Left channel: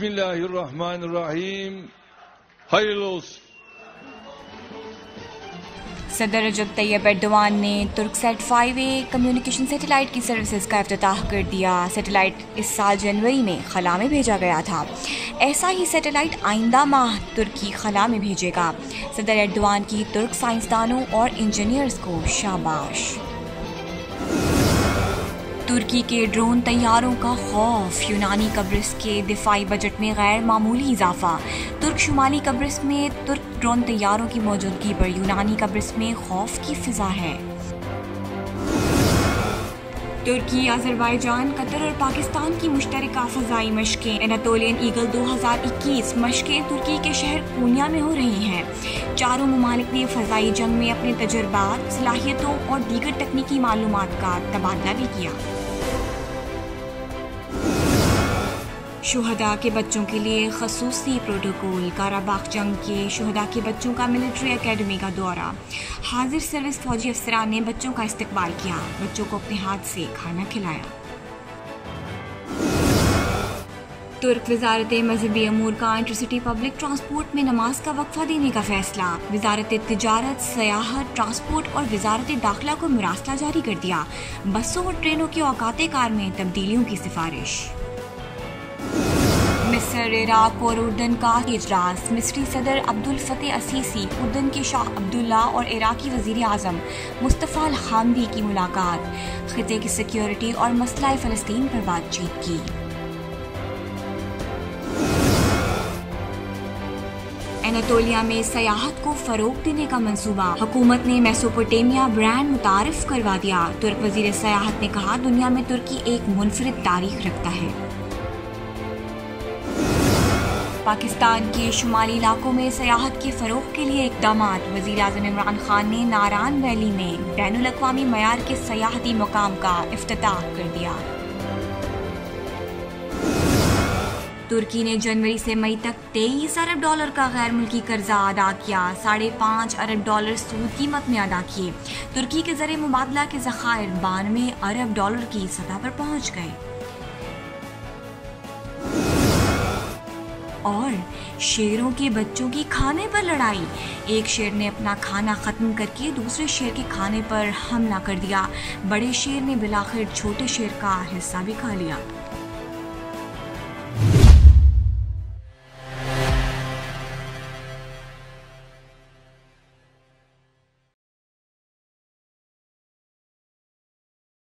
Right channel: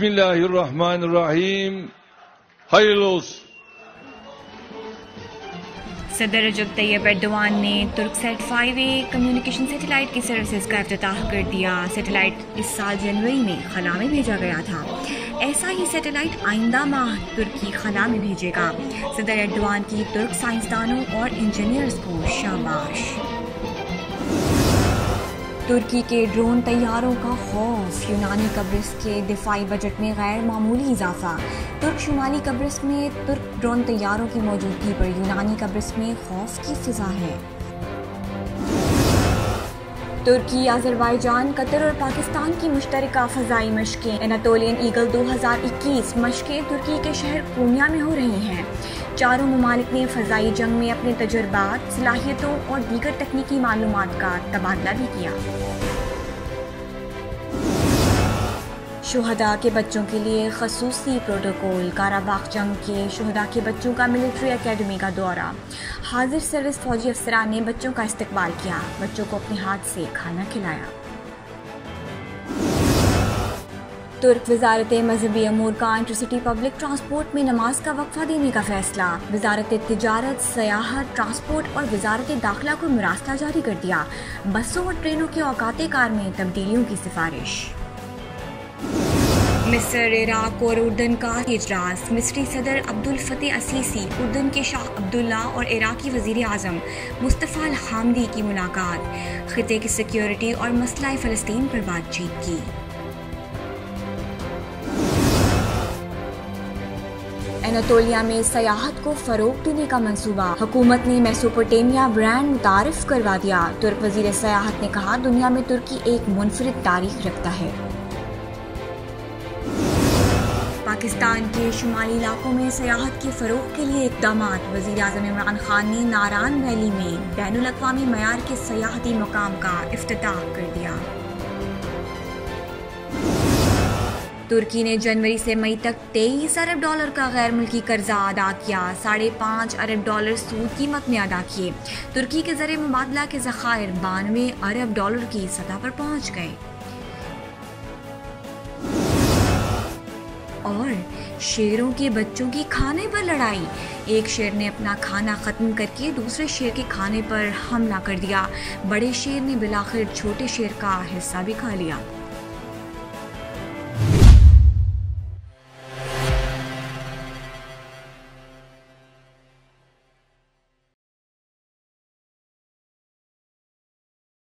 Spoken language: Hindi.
बिस्मिल्लाहिर्रहमानिर्रहीम। hayırlı olsun। सदर रजब तैयब एर्दोआन ने तुर्कसैट 5A कम्युनिकेशन सैटेलाइट की सर्विसेज का इफ्तिताह कर दिया। सैटेलाइट इस साल जनवरी में खला में भेजा गया था। ऐसा ही सैटेलाइट आइंदा माह तुर्की खला में भेजेगा। सदर एर्दोआन की तुर्क साइंसदानों और इंजीनियर्स को शाबाश। तुर्की के ड्रोन तैयारों का खौफ। यूनानी कब्रिस के दिफाई बजट में गैर मामूली इजाफा। तुर्क शुमाली कब्रिस में तुर्क ड्रोन तैयारों की मौजूदगी पर यूनानी कब्रिस में खौफ की फिजा है। तुर्की, अजरबैजान, कतर और पाकिस्तान की मुश्तरका फ़ज़ाई मशकें। एनातोलियन ईगल 2021 मशकें तुर्की के शहर कोन्या में हो रही हैं। चारों ममालिक ने फ़ज़ाई जंग में अपने तजुर्बात, सलाहियतों और दीगर तकनीकी मालूमात का तबादला भी किया। शुहदा के बच्चों के लिए खसूसी प्रोटोकॉल। काराबाग जंग के शुहदा के बच्चों का मिलिट्री एकेडमी का दौरा। हाजिर सर्विस फौजी अफसरान ने बच्चों का इस्तकबाल किया। बच्चों को अपने हाथ से खाना खिलाया। तुर्क वजारत मजहबी अमूर का इंटरसिटी पब्लिक ट्रांसपोर्ट में नमाज का वक्फा देने का फैसला। वजारत तिजारत, सयाहत, ट्रांसपोर्ट और वजारत दाखिला को मुरासला जारी कर दिया। बसों और ट्रेनों के औकात कार में तब्दीलियों की सिफारिश। मिस्र, इराक और उर्दन का इजलास। मिस्री सदर अब्दुल फतेह असीसी, उर्दन के शाह अब्दुल्ला और इराकी वजीर आजम मुस्तफ़ा अल हामदी की मुलाकात। खिते की सिक्योरिटी और मसला फ़लस्तीन पर बातचीत की। एनातोलिया में सयाहत को फरोग देने का मंसूबा। हुकूमत ने मेसोपोटामिया ब्रांड मुतारिफ करवा दिया। तुर्क वजीर सयाहत ने कहा, दुनिया में तुर्की एक मुनफरिद तारीख रखता है। पाकिस्तान के शुमाली इलाकों में सयाहत के फरोग के लिए इकदाम। वज़ीर आज़म इमरान खान ने नारान वैली में बैनुल अक़वामी मयार के सयाहती मकाम का इफ्तिताह कर दिया। तुर्की ने जनवरी से मई तक $23 अरब का गैर मुल्की कर्जा अदा किया। $5.5 अरब सूद कीमत में अदा किए। तुर्की के ज़रिए मुबादला के ज़खायर $92 अरब की सतह पर पहुंच गए। और शेरों के बच्चों की खाने पर लड़ाई। एक शेर ने अपना खाना खत्म करके दूसरे शेर के खाने पर हमला कर दिया। बड़े शेर ने बिलाखिर छोटे शेर का हिस्सा भी खा लिया।